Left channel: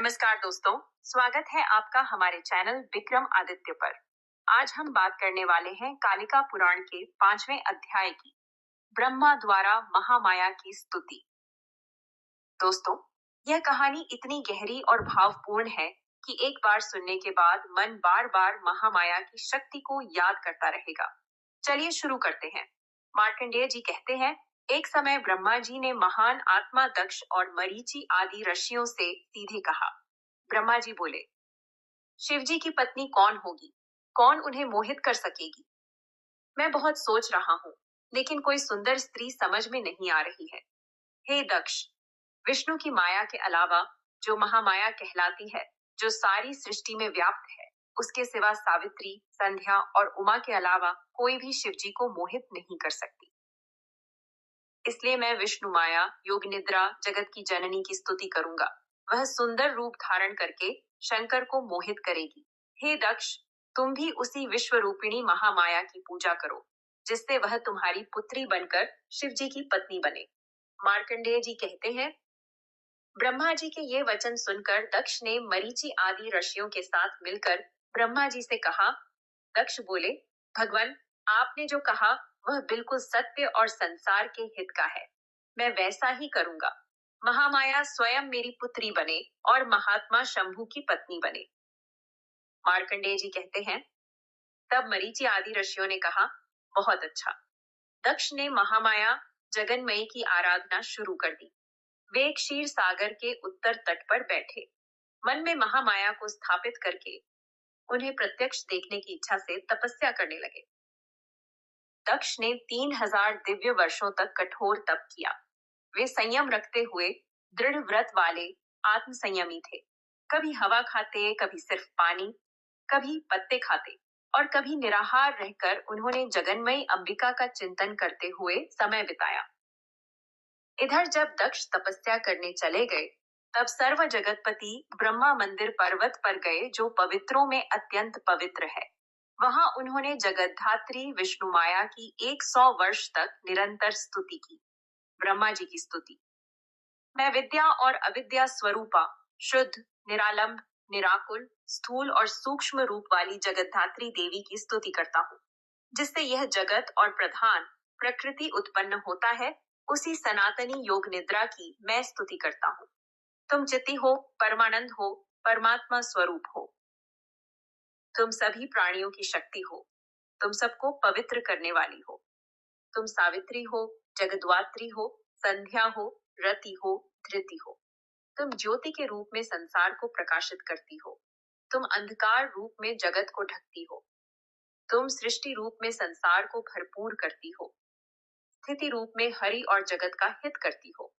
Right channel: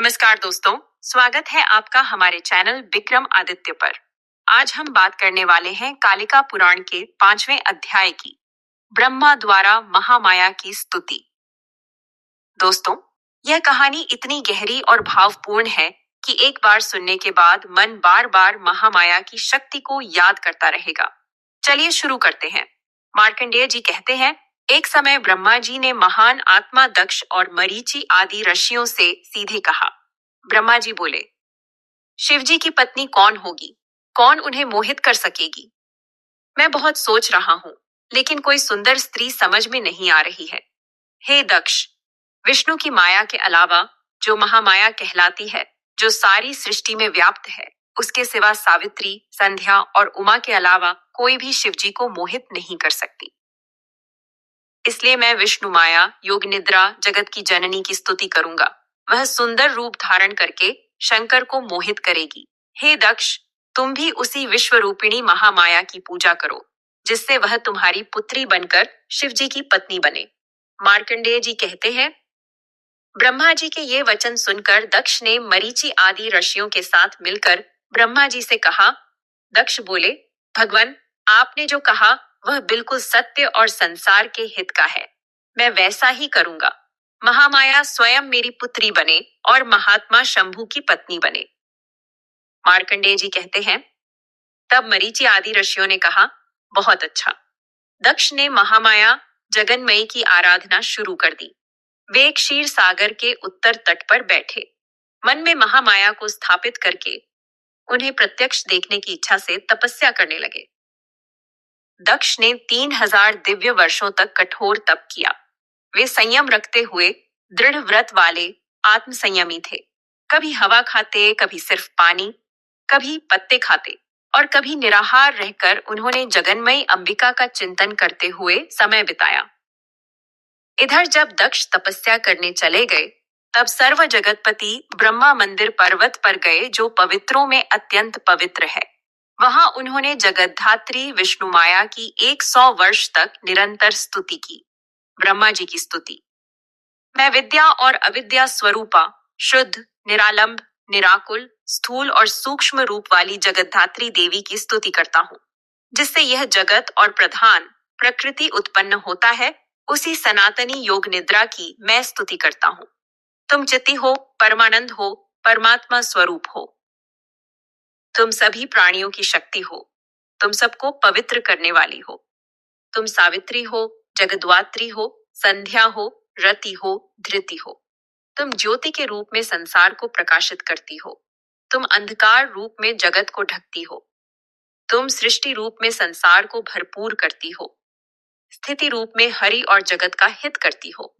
नमस्कार दोस्तों, स्वागत है आपका हमारे चैनल विक्रम आदित्य पर। आज हम बात करने वाले हैं कालिका पुराण के 5वें अध्याय की, ब्रह्मा द्वारा महामाया की स्तुति। दोस्तों, यह कहानी इतनी गहरी और भावपूर्ण है कि एक बार सुनने के बाद मन बार बार महामाया की शक्ति को याद करता रहेगा। चलिए शुरू करते हैं। मार्कंडेय जी कहते हैं, एक समय ब्रह्मा जी ने महान आत्मा दक्ष और मरीचि आदि ऋषियों से सीधे कहा। ब्रह्मा जी बोले, शिव जी की पत्नी कौन होगी? कौन उन्हें मोहित कर सकेगी? मैं बहुत सोच रहा हूँ, लेकिन कोई सुंदर स्त्री समझ में नहीं आ रही है। हे दक्ष, विष्णु की माया के अलावा जो महामाया कहलाती है, जो सारी सृष्टि में व्याप्त है, उसके सिवा सावित्री, संध्या और उमा के अलावा कोई भी शिव जी को मोहित नहीं कर सकती। इसलिए मैं विष्णु माया, योग निद्रा, जगत की जननी की स्तुति करूंगा। वह सुंदर रूप धारण करके शंकर को मोहित करेगी। हे दक्ष, तुम भी उसी विश्व रूपिणी महामाया की पूजा करो, जिससे वह तुम्हारी पुत्री बनकर शिव जी की पत्नी बने। मार्कंडेय जी कहते हैं, ब्रह्मा जी के ये वचन सुनकर दक्ष ने मरीचि आदि ऋषियों के साथ मिलकर ब्रह्मा जी से कहा। दक्ष बोले, भगवान, आपने जो कहा वह बिल्कुल सत्य और संसार के हित का है। मैं वैसा ही करूंगा। महामाया स्वयं मेरी पुत्री बने और महात्मा शंभु की पत्नी बने। मार्कंडेय जी कहते हैं, तब मरीचि आदि ऋषियों ने कहा, बहुत अच्छा। दक्ष ने महामाया जगन्मयी की आराधना शुरू कर दी। वे क्षीर सागर के उत्तर तट पर बैठे, मन में महामाया को स्थापित करके उन्हें प्रत्यक्ष देखने की इच्छा से तपस्या करने लगे। दक्ष ने 3000 दिव्य वर्षों तक कठोर तप किया। वे संयम रखते हुए दृढ़ व्रत वाले आत्म संयमी थे। कभी हवा खाते, कभी सिर्फ पानी, कभी पत्ते खाते और कभी निराहार रहकर उन्होंने जगन्मयी अंबिका का चिंतन करते हुए समय बिताया। इधर जब दक्ष तपस्या करने चले गए, तब सर्व जगतपति ब्रह्मा मंदिर पर्वत पर गए, जो पवित्रों में अत्यंत पवित्र है। वहां उन्होंने जगद्धात्री विष्णु माया की 100 वर्ष तक निरंतर स्तुति की। ब्रह्मा जी की स्तुति। मैं विद्या और अविद्या स्वरूपा, शुद्ध, निरालंब, निराकुल, स्थूल और सूक्ष्म रूप वाली जगद्धात्री देवी की स्तुति करता हूँ, जिससे यह जगत और प्रधान प्रकृति उत्पन्न होता है। उसी सनातनी योग निद्रा की मैं स्तुति करता हूँ। तुम चिति हो, परमानंद हो, परमात्मा स्वरूप हो। तुम सभी प्राणियों की शक्ति हो। तुम सबको पवित्र करने वाली हो। तुम सावित्री हो, जगद्धात्री हो, संध्या हो, रति हो, धृति हो। तुम ज्योति के रूप में संसार को प्रकाशित करती हो। तुम अंधकार रूप में जगत को ढकती हो। तुम सृष्टि रूप में संसार को भरपूर करती हो। स्थिति रूप में हरि और जगत का हित करती हो।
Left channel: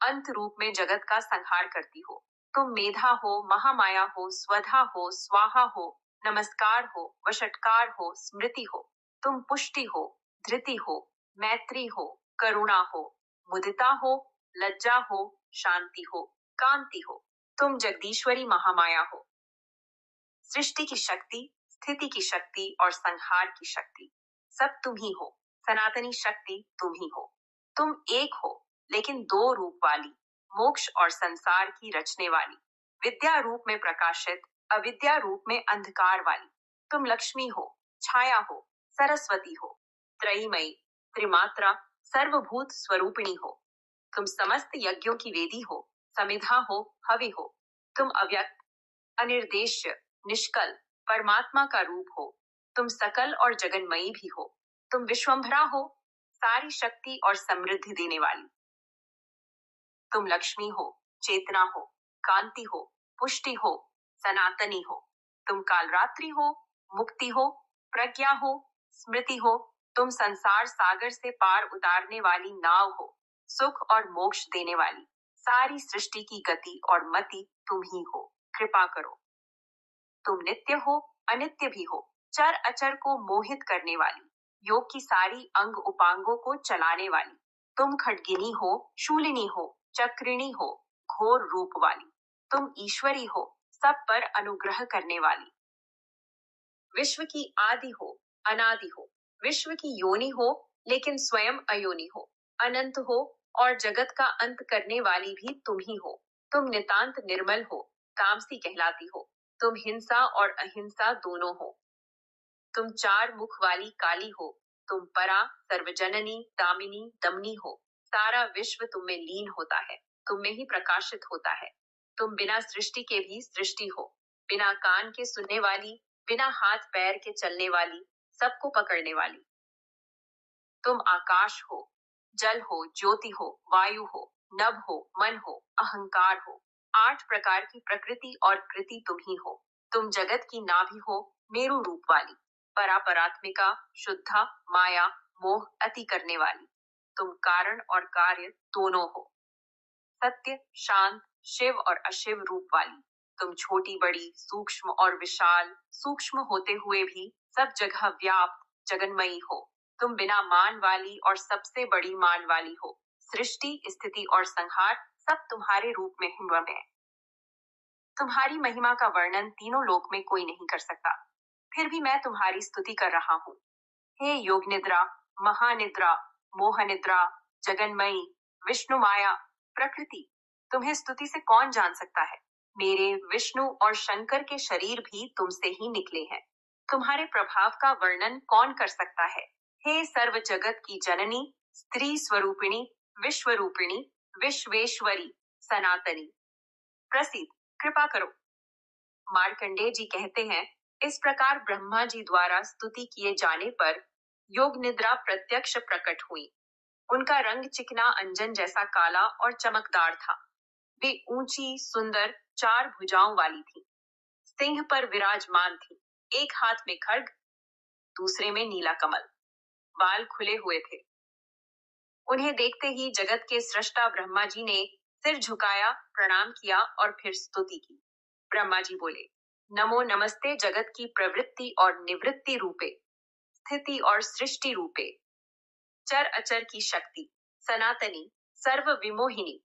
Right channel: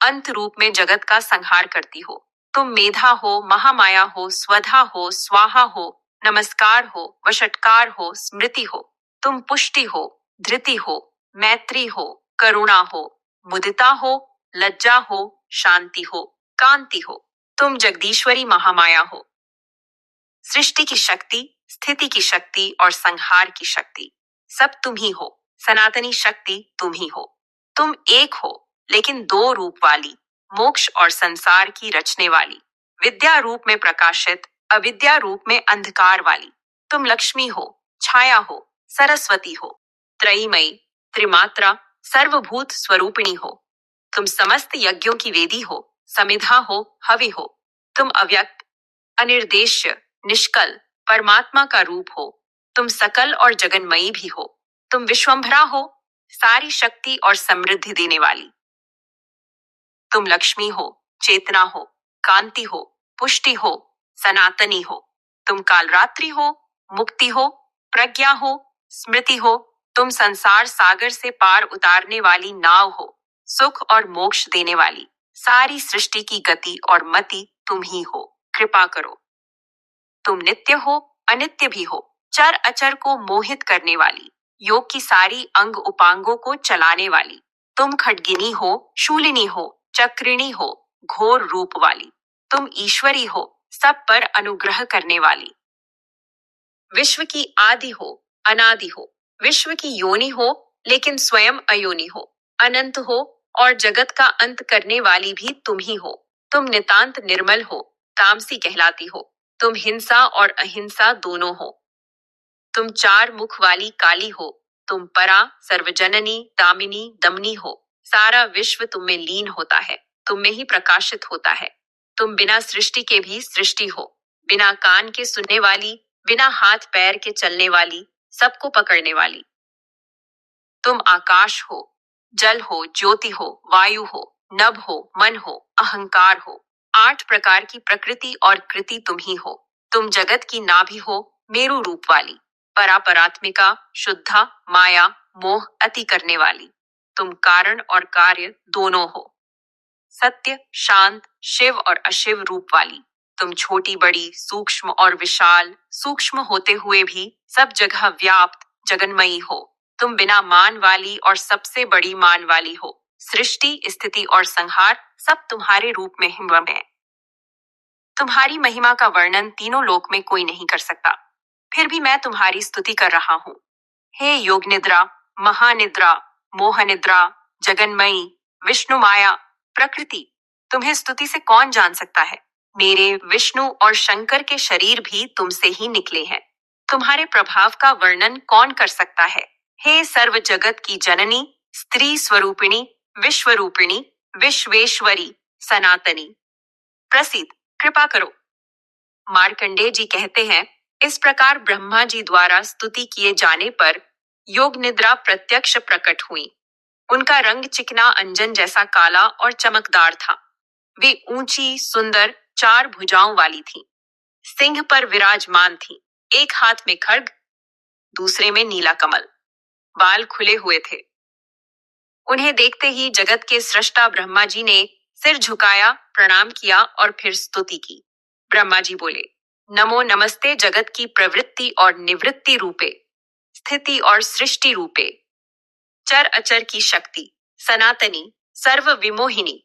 अंत रूप में जगत का संहार करती हो। तुम मेधा हो, महामाया हो, स्वधा हो, स्वाहा हो, नमस्कार हो, वषटकार हो, स्मृति हो। तुम पुष्टि हो, धृति हो, मैत्री हो, करुणा हो, मुदिता हो, लज्जा हो, शांति हो, कांति हो। तुम जगदीश्वरी महामाया हो। सृष्टि की शक्ति, स्थिति की शक्ति और संहार की शक्ति सब तुम ही हो। सनातनी शक्ति तुम ही हो। तुम एक हो, लेकिन दो रूप वाली, मोक्ष और संसार की रचने वाली, विद्या रूप में प्रकाशित, अविद्या रूप में अंधकार वाली। तुम लक्ष्मी हो, छाया हो, सरस्वती हो, त्रयीमयी, त्रिमात्रा, सर्वभूत स्वरूपिणी हो। तुम समस्त यज्ञों की वेदी हो, समिधा हो, हवि हो। तुम अव्यक्त, अनिर्देश्य, निष्कल, परमात्मा का रूप हो। तुम सकल और जगन्मयी भी हो। तुम विश्वंभरा हो, सारी शक्ति और समृद्धि देने वाली। तुम लक्ष्मी हो, चेतना हो, कांति हो, पुष्टि हो, सनातनी हो। तुम कालरात्रि हो, मुक्ति हो, प्रज्ञा हो, स्मृति हो। तुम संसार सागर से पार उतारने वाली नाव हो, सुख और मोक्ष देने वाली। सारी सृष्टि की गति और मति तुम ही हो। कृपा करो। तुम नित्य हो, अनित्य भी हो, चर अचर को मोहित करने वाली, योग की सारी अंग उपांगों को चलाने वाली। तुम खड्गिनी हो, शूलिनी हो, चक्रिणी हो, घोर रूप वाली। तुम ईश्वरी हो, सब पर अनुग्रह करने वाली। विश्व की आदि हो, अनादि हो। विश्व की योनि हो, लेकिन स्वयं अयोनि हो। अनंत हो और जगत का अंत करने वाली भी तुम ही हो। तुम नितांत निर्मल हो, तामसी कहलाती हो। तुम हिंसा और अहिंसा दोनों हो। तुम चार मुख वाली काली हो। तुम परा, सर्वजननी, दामिनी, दमनी हो। सारा विश्व तुम में लीन होता है, तुम में ही प्रकाशित होता है। तुम बिना सृष्टि के भी सृष्टि हो, बिना कान के सुनने वाली, बिना हाथ पैर के चलने वाली, सबको पकड़ने वाली। तुम आकाश हो, जल हो, ज्योति हो, वायु हो, नभ हो, मन हो, अहंकार हो। आठ प्रकार की प्रकृति और कृति तुम ही हो। तुम जगत की नाभि हो, मेरु रूप वाली, परापरात्मिका, शुद्धा, माया, मोह अति करने वाली। तुम कारण और कार्य दोनों हो। सत्य, शांत, शिव और अशिव रूप वाली। तुम छोटी बड़ी, सूक्ष्म और विशाल, सूक्ष्म होते हुए भी सब जगह व्याप्त जगन्मयी हो। तुम बिना मान वाली और सबसे बड़ी मान वाली हो। सृष्टि, स्थिति और संहार सब तुम्हारे रूप में हिमवम है। तुम्हारी महिमा का वर्णन तीनों लोक में कोई नहीं कर सकता, फिर भी मैं तुम्हारी स्तुति कर रहा हूँ। हे योग निद्रा, महानिद्रा, मोह निद्रा, जगन्मयी, विष्णु माया, प्रकृति, तुम्हें स्तुति से कौन जान सकता है? मेरे विष्णु और शंकर के शरीर भी तुमसे ही निकले हैं। तुम्हारे प्रभाव का वर्णन कौन कर सकता है? हे सर्व जगत की जननी, स्त्री स्वरूपिणी, विश्वरूपिणी, विश्वेश्वरी, सनातनी, प्रसिद्ध, कृपा करो। मार्कंडेय जी कहते हैं, इस प्रकार ब्रह्मा जी द्वारा स्तुति किए जाने पर योग निद्रा प्रत्यक्ष प्रकट हुई। उनका रंग चिकना अंजन जैसा काला और चमकदार था। वे ऊंची, सुंदर, चार भुजाओं वाली थी। सिंह पर विराजमान थी। एक हाथ में खड्ग, दूसरे में नीला कमल। बाल खुले हुए थे। उन्हें देखते ही जगत के सृष्टा ब्रह्मा जी ने सिर झुकाया, प्रणाम किया और फिर स्तुति की। ब्रह्मा जी बोले, नमो नमस्ते जगत की प्रवृत्ति और निवृत्ति रूपे, स्थिति और सृष्टि रूपे, चर अचर की शक्ति, सनातनी, सर्व विमोहिनी।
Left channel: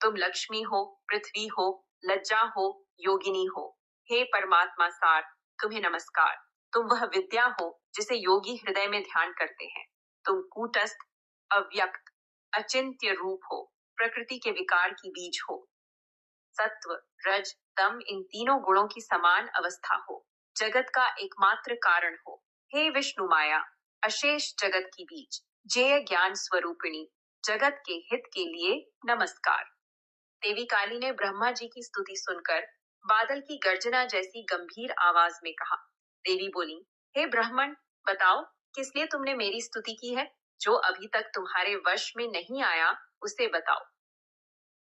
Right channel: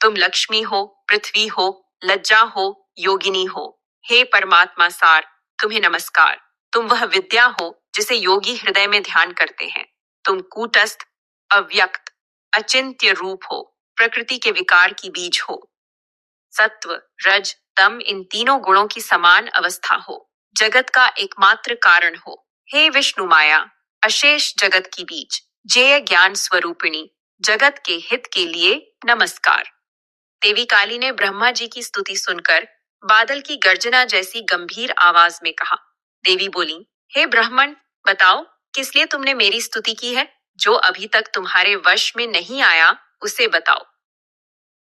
तुम लक्ष्मी हो, पृथ्वी हो, लज्जा हो, योगिनी हो। हे परमात्मा सार, तुम्हें नमस्कार। तुम वह विद्या हो जिसे योगी हृदय में ध्यान करते हैं। तुम कूटस्थ, अव्यक्त, अचिंत्य रूप हो, प्रकृति के विकार की बीज हो। सत्व, रज, तम इन तीनों गुणों की समान अवस्था हो। जगत का एकमात्र कारण हो। हे विष्णु माया, अशेष जगत की बीज, जेय ज्ञान स्वरूपिणी, जगत के हित के लिए नमस्कार। देवी काली ने ब्रह्मा जी की स्तुति सुनकर बादल की गर्जना जैसी गंभीर आवाज में कहा। देवी बोली, हे ब्राह्मण, बताओ किस लिए तुमने मेरी स्तुति की है? जो अभी तक तुम्हारे वश में नहीं आया उसे बताओ।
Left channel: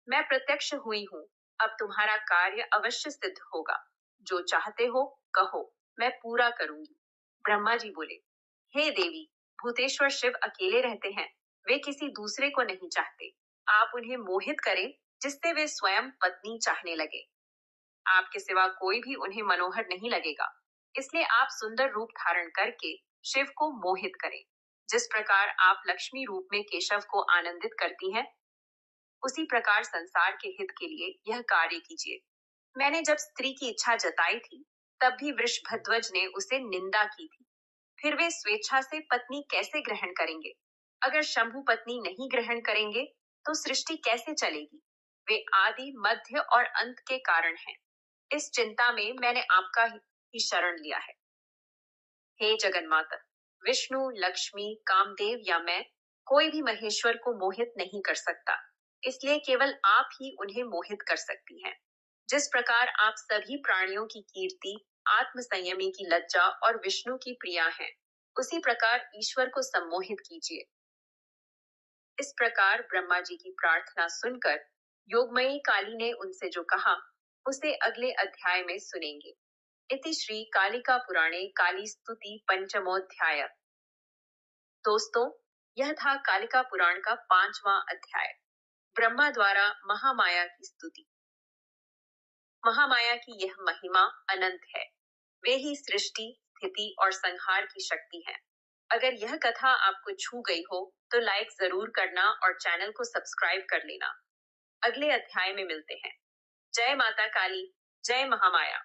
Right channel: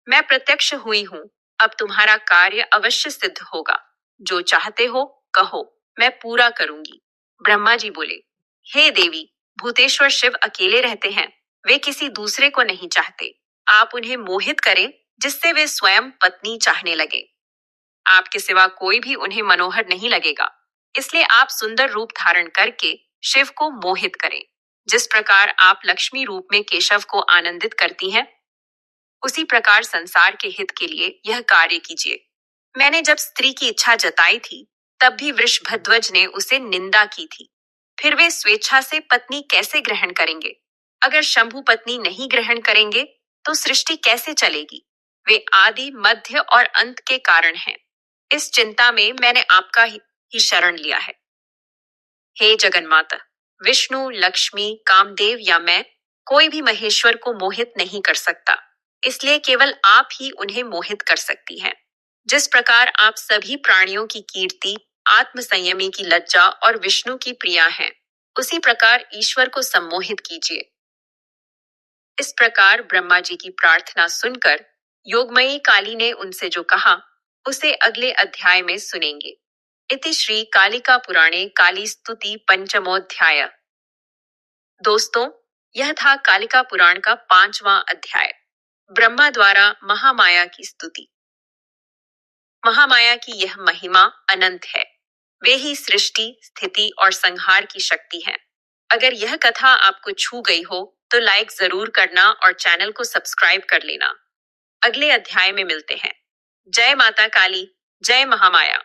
मैं प्रत्यक्ष हुई हूँ, अब तुम्हारा कार्य अवश्य सिद्ध होगा। जो चाहते हो कहो, मैं पूरा करूंगी। ब्रह्मा जी बोले, हे देवी, भूतेश्वर शिव अकेले रहते हैं, वे किसी दूसरे को नहीं चाहते। आप उन्हें मोहित करें जिससे वे स्वयं पत्नी चाहने लगे। आपके सिवा कोई भी उन्हें मनोहर नहीं लगेगा, इसलिए आप सुंदर रूप धारण करके शिव को मोहित करें। जिस प्रकार आप लक्ष्मी रूप में केशव को आनंदित करती हैं, उसी प्रकार संसार के हित के लिए यह कार्य कीजिए। मैंने जब स्त्री की इच्छा जताई थी, तब भी वृषभध्वज ने उसे निंदा की थी। फिर वे स्वेच्छा से पत्नी कैसे ग्रहण करेंगे? अगर शंभु पत्नी नहीं ग्रहण करेंगे, तो सृष्टि कैसे चलेगी? वे आदि, मध्य और अंत के कारण हैं। इस चिंता में मैंने आपका ही शरण लिया है। हे जगन्माता, विष्णु, लक्ष्मी, कामदेव या मैं, कोई भी महेश्वर को मोहित नहीं कर सकता, इसलिए केवल आप ही उन्हें मोहित कर सकती हैं। जिस प्रकार आप सभी प्राणियों की कीर्ति, आत्म संयमी की लज्जा और विष्णु की प्रिया हैं, उसी प्रकार ईश्वर को सम्मोहित कीजिए। इस प्रकार ब्रह्मा जी की प्रार्थना सुनकर योगमयी काली ने उनसे जो कहा, उसे अगले अध्याय में सुनेंगे। इति श्री कालिका पुराणे काली स्तुति पंचमोध्याय। दोस्तों, यह था कालिका पुराण का 5वां अध्याय, ब्रह्मा द्वारा महामाया की स्तुति। महामाया की यह महिमा अनंत है। वे ही सृष्टि, स्थिति और संहार की शक्ति है। अगर यह कथा आपको छू गई हो तो लाइक जरूर करना और चैनल को सब्सक्राइब कर लेना। अगले अध्याय में मिलते हैं। जय माता काली, जय महामाया।